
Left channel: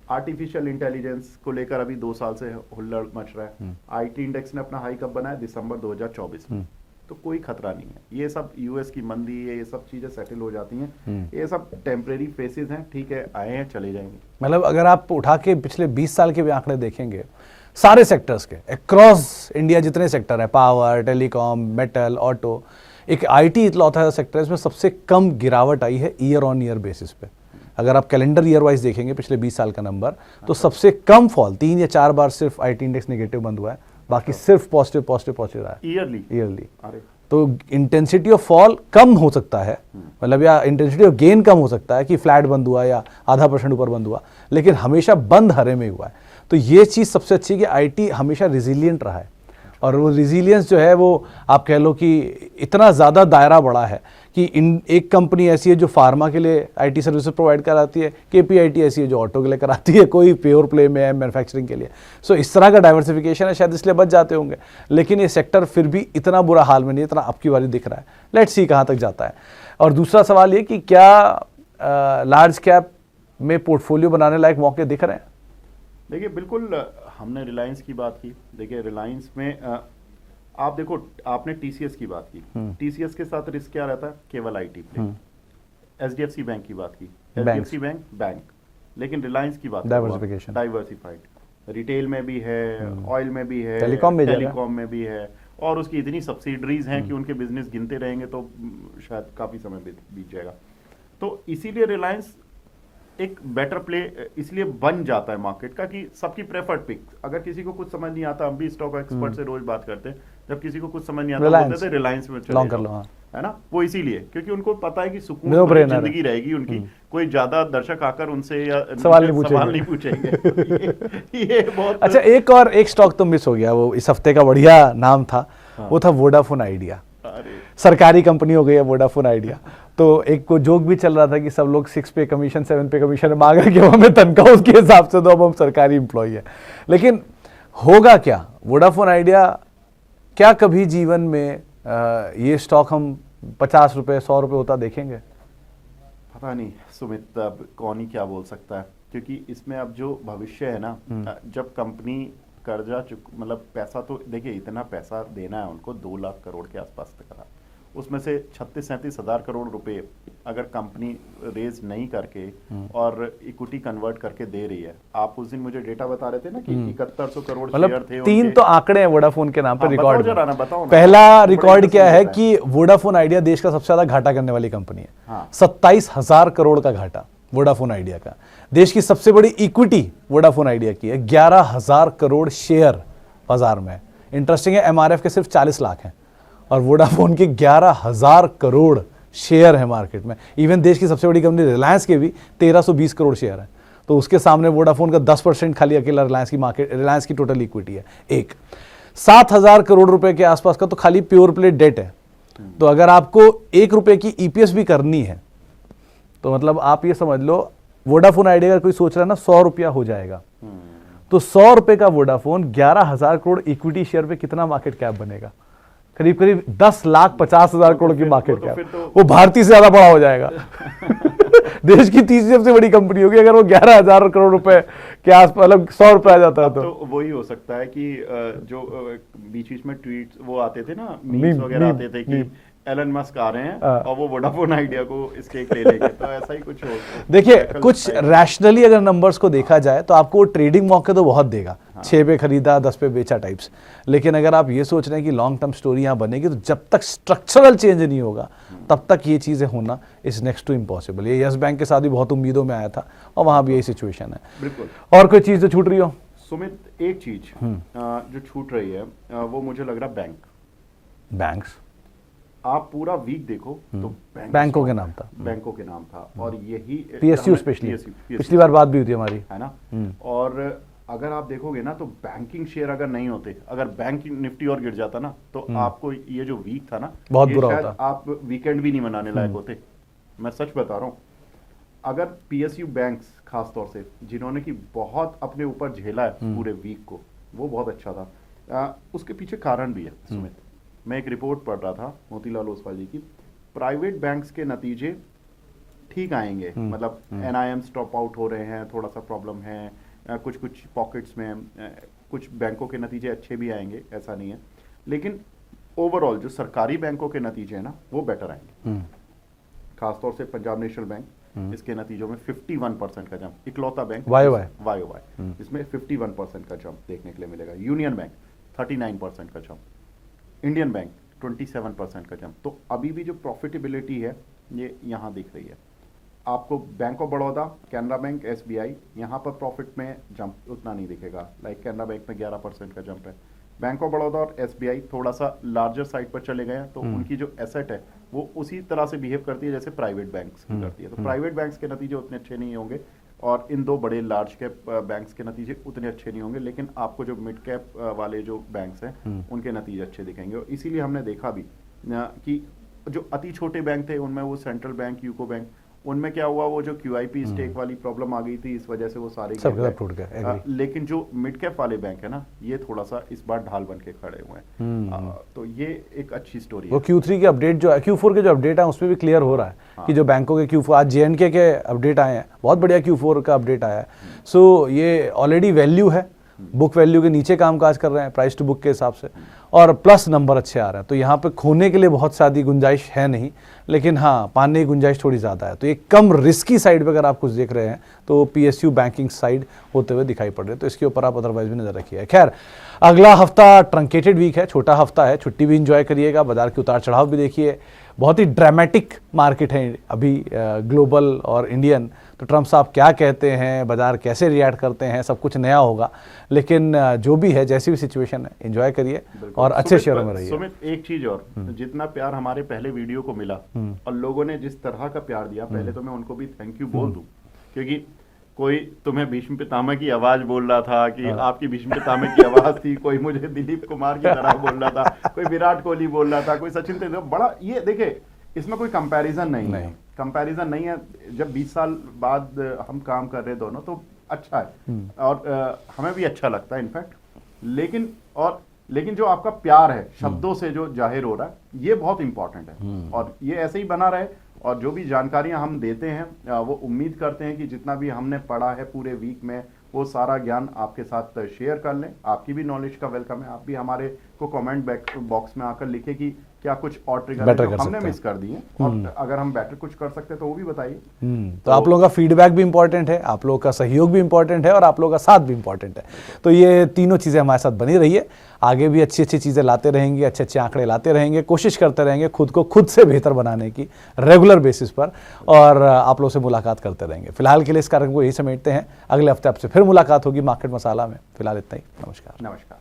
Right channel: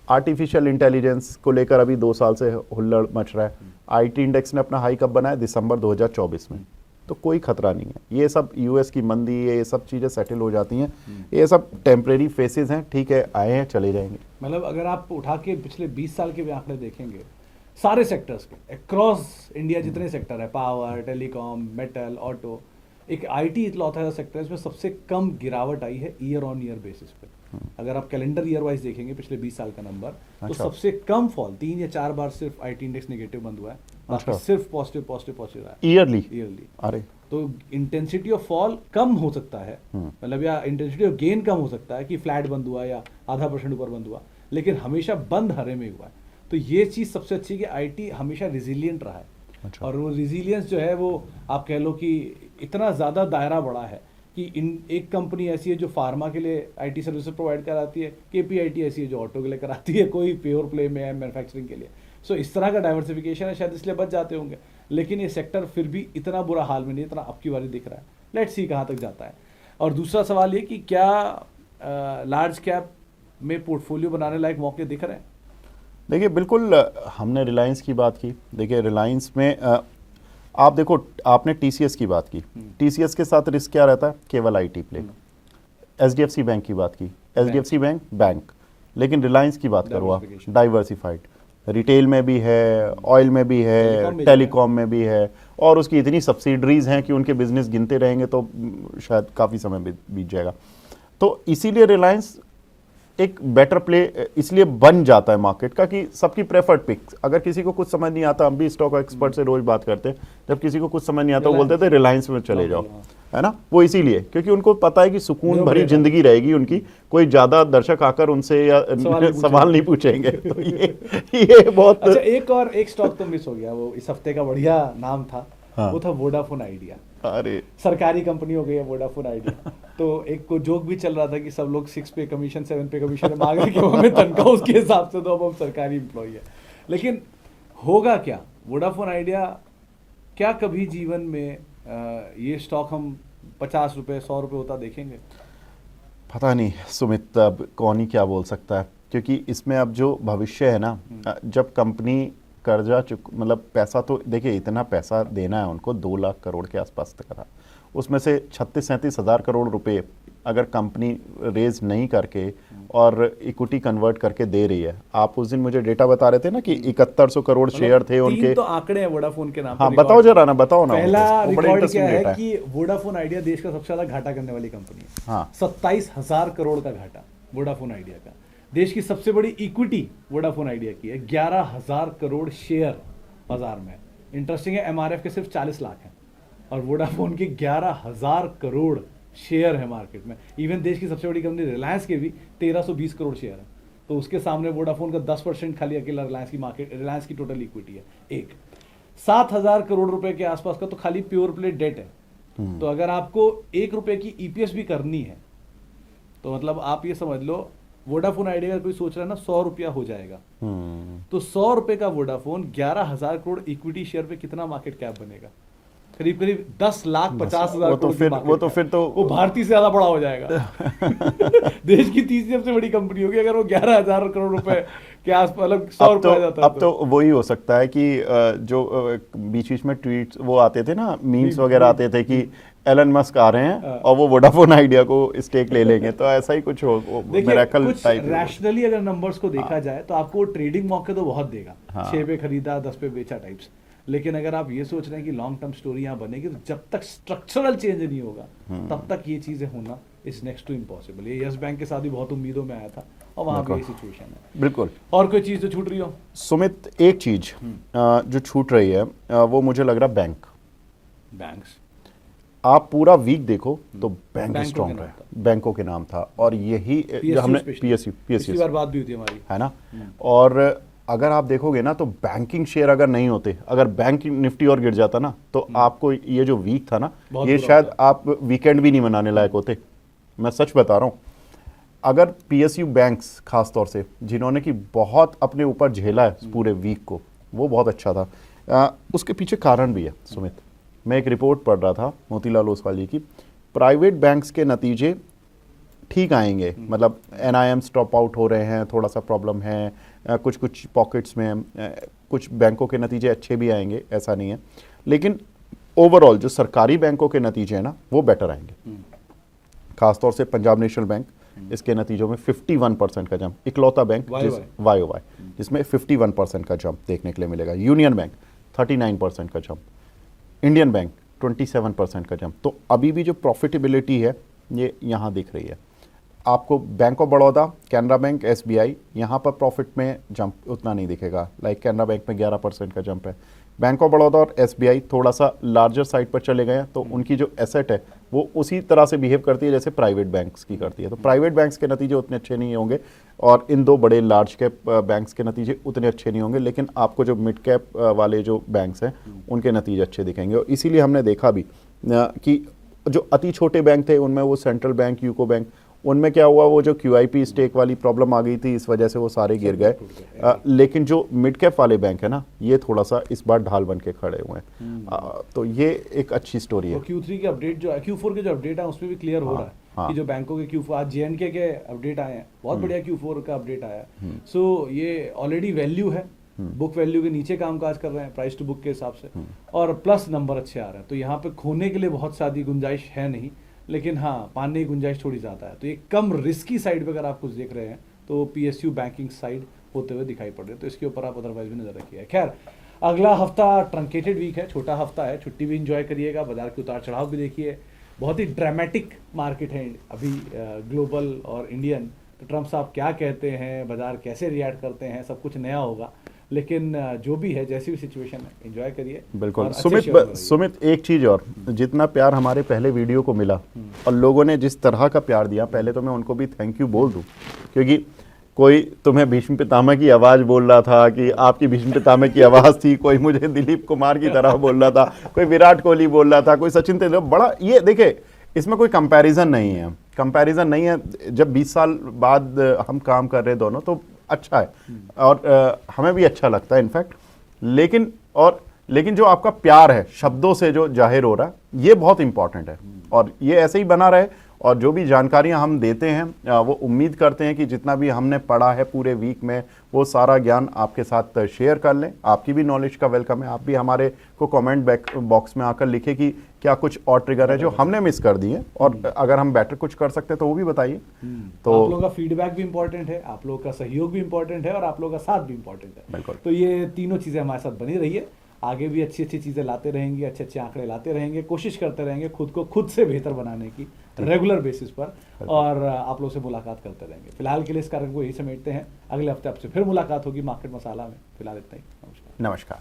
आर्टिफिशियल इंटेलिजेंस को लेकर अभी 2 साल से हुल्लड़ मच रहा है। आईटी इंडेक्स ने अपना हाई कब बनाया? दिसंबर 2024 में। तो कोई खतरा नहीं है। ये सब यूएस की मंदी, ये सब चीजें सेटल हो जाती हैं, ये सब टेम्परेरी फेसेस हैं, ठीक है, आए हैं चले जाएंगे। मतलब अगर आप उठा के पिछले 20 साल के भी आंकड़े देखेंगे सारे सेक्टर्स के, अक्रॉस इंडिया जितने सेक्टर है, पावर, टेलीकॉम, मेटल, ऑटो, एक आईटी इकलौता सेक्टर है इसमें सबसे कम गिरावट आई है ईयर ऑन ईयर बेसिस पे। अगर आप कैलेंडर ईयर वाइज देखेंगे पिछले 20 साल का नंबर, तो सबसे कम फॉल 3 या 4 बार सिर्फ आईटी इंडेक्स नेगेटिव बंद हुआ है, बाकी सिर्फ पॉजिटिव रहा है ईयरली। अरे तो इंटेंसिटी ऑफ फॉल कम हो सकता है, मतलब या इंटेंसिटी ऑफ गेन कम हो सकता है कि फ्लैट बंद हुआ या आधा % ऊपर बंद हुआ, लेकिन हमेशा बंद हरे में हुआ है। तो ये चीज़ सबसे अच्छी है कि आईटी हमेशा रिजिलियंट रहा है। और वो रिजिलियंस जो है वो आप कह लो कि इतना ज़्यादा दायरा बड़ा है कि इन एक कंपनी ऐसी है जो फार्मा के लिए आईटी सर्विसेज प्रोवाइड कराती है, केपीआईटी ऐसी है जो ऑटो के लिए कराती है, कोई प्योर प्ले में है मैन्युफैक्चरिंग के लिए। सो इस तरह का डाइवर्सिफिकेशन है, शायद इसलिए बच जाते होंगे, लेकिन ये सेक्टर फिर भी इतना बुरा हाल में नहीं, इतना अब की बारी दिख रहा है। लेट्स सी कहाँ तक जाता है। और दूसरा सवाल ये कि क्या लार्ज कैप में पोर्टफोलियो बनाने लायक मौके दिख रहे हैं? देखिए बिल्कुल, हमने रिलायंस की बात की। देखिए रिलायंस में आप देखो, आपने टीसीएस की बात की, टीसीएस के साथ रिस्क क्या रहता है? केवल आईटी प्ले। एचडीएफसी बैंक की बात की, एचडीएफसी बैंक, लेकिन रिलायंस की बात करो, डाइवर्सिफाइड, रिटेल में भी है, ऑयल में भी है, टेलीकॉम में भी है, और उसकी इतनी सब्सिडरीज हैं कि उनके बिजनेस गिनते रहेंगे तो शायद काफ़ी समय बीत जाएगा। तो इसीलिए रिलायंस एक बेटर प्ले इसलिए बन जाता है मार्केट का कि सबकी प्रेफर्ड पिक। अगर किसी को कुछ समझ नहीं आता, हम भी स्टॉक एक्सपर्ट से रोज बात करते हैं, जब किसी को कुछ समझ नहीं आता बोलते थे रिलायंस में चले जाओ, है ना। वो इसीलिए क्योंकि उनको पता है कि सुकून भरी जिंदगी रहेगी उनकी, कोई ज्यादा दर्शक आकर उनसे या सवाल नहीं पूछेंगे। ये बहुत अच्छा। एक स्टॉक तो मिस हो गया, वो इस हफ्ते का बढ़िया नाम था, वो था वोडाफोन आइडिया। अरे सरकारी कंपनी हो गई है वोडाफोन आइडिया। तो एक को जोक भी चल रहा था कि सब लोग 6 पे कमीशन 7 पे कमीशन मांग रहे हैं कि हमें तनख्वाह उसके हिसाब से, तो अब हम सरकारी एम्प्लॉय है। लेकिन होगा क्या वोडाफोन आइडिया? क्या कभी जीवन में ये स्टॉक हम 50 रुपए 100 रुपए होता देखेंगे? पता नहीं सुमित, अब कौन ही क्या बोल सकता है, क्योंकि इसमें अब जो भविष्य है ना, जब कंपनी कर्जा मतलब पैसा, तो देखिए इतना पैसा देना है उनको, 2 लाख करोड़ के आसपास तक रहा, उसमें से 36-37 हज़ार करोड़ रुपए अगर कंपनी रेज नहीं करके और इक्विटी कन्वर्ट करके दे रही है। आप उस दिन मुझे डेटा बता रहे थे ना कि 7100 करोड़ शेयर थे उनके। 3 तो आंकड़े हैं वोडाफोन के नाम पर। बताओ जरा ना, बताओ ना। पहला रिकॉर्ड क्या है कि वोडाफोन आइडिया देश का सबसे ज्यादा घाटा करने वाली कंपनी है। 27,000 करोड़ का घाटा वोडाफोन आइडिया का। देश की सबसे बड़ी इक्विटी वोडाफोन आइडिया की है, 11,000 करोड़ शेयर बाजार में। इंटरेस्टिंग है, एमआरएफ के सिर्फ 40 लाख हैं और वोडाफोन के 11,000 करोड़ शेयर है मार्केट में। इवन देश की सबसे बड़ी कंपनी रिलायंस के भी 1320 करोड़ शेयर है। तो उसके सामने वोडाफोन का 10% खाली अकेला रिलायंस की टोटल इक्विटी है। 7,000 करोड़ रुपए के आसपास का तो खाली प्योर प्ले डेट है। तो अगर आपको 1 रुपए की ईपीएस भी करनी है तो मतलब आप ये समझ लो, वोडाफोन आइडिया का कोई सोच रहा है ना 100 रुपया हो जाएगा, तो 100 रुपए का वोडाफोन 11,000 करोड़ इक्विटी शेयर पे कितना मार्केट कैप बनेगा? करीब करीब 10,50,000 करोड़ की मार्केट तो फिर तो वो भारतीय से ज्यादा बड़ा हो जाएगा। देश की तीसरी सबसे बड़ी कंपनी होगी अगर वो 11,000 करोड़ रुपए के आसपास, मतलब 100 रुपए आ जाता है। अब तो वही हो सकता है कि जो बीच बीच में ट्वीट्स वो आते थे ना, मीम्स वगैरह आते थे कि एलन मस्क आ रहे हैं और वो वोडाफोन आइडिया को स्टेक ले लेंगे, तो ऐसा ही कुछ हो। देखिए कुछ रैशनली अगर नंबर्स को देखा जाए तो आपको ट्रेडिंग मौके तो बहुत देगा, 6 पे खरीदा 10 पे बेचा टाइप्स। लेकिन अगर आप ये सोच रहे हैं कि लॉन्ग टर्म स्टोरी यहाँ बनेगी, तो जब तक स्ट्रक्चरल चेंज नहीं होगा तब तक ये चीजें होना इज नेक्स्ट टू इम्पॉसिबल। ये यस बैंक के साथ भी बहुत उम्मीदों में आया था और वहां भी यही सिचुएशन है। बिल्कुल। और कोई चीज जो छूट रही हो सुमित? एक चीज जो छूट रही है वो मुझे लग रहा है बैंक्स। आप पूरा वीक देखो तो बैंकों के नाम था और यही PSU पिछली बार बात भी हुई थी हमारी, है ना। और अगर आप देखोगे ना तो बैंकिंग शेयर अगर नहीं होते, अगर बैंक निफ्टी और गिर जाता ना, तो आपको ये जो वीक था ना, ये शायद आप वीकेंड भी नहीं मनाने लायक होते। मैं सच बता रहा हूँ। अगर PSU बैंक्स खास तौर से जिन्होंने की बहुत अपने ऊपर झेला है पूरे वीक को, वो बहुत अच्छा था। उसके पीछे कारण भी है सुमित। मैं एक रिपोर्ट पढ़ रहा था मोतीलाल ओसवाल जी की, प्राइवेट बैंक्स के नतीजे ठीक आएंगे, मतलब NIM स्टॉप आउट हो रहे हैं, थोड़ा सा प्रॉब्लम है कुछ पॉकेट्स में, कुछ बैंकों के नतीजे अच्छे भी आएंगे, ऐसा नहीं है, लेकिन ओवरऑल जो सरकारी बैंकों के नतीजे हैं ना वो बेटर आएंगे। खासतौर से पंजाब नेशनल बैंक, इसके नतीजों में 51% का जंप, इकलौता बैंक YOY इसमें 51% का जंप देखने के लिए मिलेगा। यूनियन बैंक 39% का जंप, इंडियन बैंक 27% का जंप। तो अभी भी जो प्रॉफिटेबिलिटी है ये यहाँ दिख रही है आपको। Bank of Baroda, Canara bank, SBI, यहाँ पर प्रॉफिट में जंप उतना नहीं दिखेगा। लाइक कैनरा बैंक में 11% का जंप है, बैंक ऑफ बड़ौदा और एसबीआई थोड़ा सा लार्जर साइड पर चले गए हैं, तो उनकी जो एसेट है वो उसी तरह से बिहेव करती है जैसे प्राइवेट बैंक्स की करती है। तो प्राइवेट बैंक्स के नतीजे उतने अच्छे नहीं होंगे और इन दो बड़े लार्ज कैप बैंक्स के नतीजे उतने अच्छे नहीं होंगे, लेकिन आपको जो मिड कैप वाले जो बैंक्स हैं उनके नतीजे अच्छे दिखेंगे। और इसीलिए हमने देखा भी कि जो अति छोटे बैंक थे उनमें वो सेंट्रल बैंक, यूको बैंक, उनमें क्या हुआ, वो जो क्यूआईपी स्टेक वाली प्रॉब्लम आ गई थी, इस वजह से वो सारे गिर गए। लेकिन जो मिड कैप वाले बैंक है ना, ये थोड़ा सा इस बार ढाल बन के खड़े हुए हैं। तो ये एक अच्छी स्टोरी है। वो Q3 के अपडेट जो है, Q4 के जो अपडेट है उसमें भी क्लियर हो रहा है कि जो बैंकों के Q4, आज JNK के अपडेट आए हैं, बहुत बढ़िया Q4 का अपडेट आया है। सो ये ऑलरेडी वैल्यू है, बुक वैल्यू के नीचे कामकाज कर रहे हैं प्राइस टू बुक के हिसाब से, और प्लस नंबर अच्छे आ रहे हैं। तो यहाँ पे खोने के लिए बहुत सारी गुंजाइश है नहीं, लेकिन हाँ पाने की गुंजाइश थोड़ी ज़्यादा है। तो ये कम रिस्की साइड पे अगर आप कुछ देख रहे हैं तो PSU बैंकिंग साइड होते हुए दिखाई पड़ रहे हैं, तो इसके ऊपर आप अदरवाइज भी नजर रखिए। खैर, अगला हफ्ता ट्रंकेटेड वीक है, छोटा हफ्ता है, छुट्टी भी इंजॉय करिएगा, बाजार के उतार चढ़ाव भी देखिए। बहुत ही ड्रामेटिक मार्केट है अभी ग्लोबल और इंडियन। तो ट्रम्प साहब क्या कहते हैं, बाजार कैसे रिएक्ट करते हैं, सब कुछ नया होगा, लेकिन जो भी है, जैसी भी सिचुएशन है, एंजॉय करिए और अच्छे शेयर में रहिए। सुमित, एक चीज और, जितना प्यार हमारे पहले वीडियो को मिला और लोगों ने जिस तरह का प्यार दिया, पहले तो मैं उनको भी थैंक यू बोल दूं, क्योंकि कोई तुम्हें भीष्म पितामह की आवाज बोल रहा था कि आपकी भीष्म पितामह की आवाज थी, कोई मुझे दिलीप कुमार की तरह बोल रहा था, कोई विराट कोहली बोल रहा था, कोई सचिन तेंदुलकर, बड़ा ये देखे, इसमें कोई कंपैरिजन नहीं है, कंपैरिजन नहीं है। जब 20 साल बाद हम काम कर रहे हैं दोनों, तो अच्छा है और हमें भी अच्छा लगता है इनफैक्ट। लेकिन जो आपका प्यार है शब्दों से जो जाहिर हो रहा है, ये बहुत इंपॉर्टेंट है और ये ऐसे ही बना रहे। और जो भी जानकारियां हम देते हैं, वो उम्मीद करते हैं कि जितना भी हमने पढ़ा है पूरे वीक में, वो सारा ज्ञान आपके साथ शेयर कर लें। आपकी भी नॉलेज का वेलकम है, आप भी हमारे को कमेंट बॉक्स में आकर लिखे कि क्या कुछ और ट्रिगर है जो हमने मिस कर दिए, और अगर हम बेटर कुछ कर सकते हैं तो वो भी बताइए। तो आप लोगों का फीडबैक भी इंपॉर्टेंट है, आप लोगों का सहयोग भी इंपॉर्टेंट है, और आप लोगों का साथ भी इंपॉर्टेंट है। तो ये तीनों चीजें हमारे साथ बनी रहिए, आगे भी अच्छी अच्छी चीजें लाते रहेंगे, अच्छे अच्छे आंकड़े लाते रहेंगे, कोशिश करते रहेंगे खुद को खुद से बेहतर बनाने की रेगुलर बेसिस पर, और आप लोगों से मुलाकात करते रहेंगे। फिलहाल के लिए इस कार्यक्रम को यही समेटते हैं, अगले हफ्ते आपसे फिर मुलाकात होगी मार्केट मसाला में। फिलहाल इतना ही, नमस्कार। नमस्कार।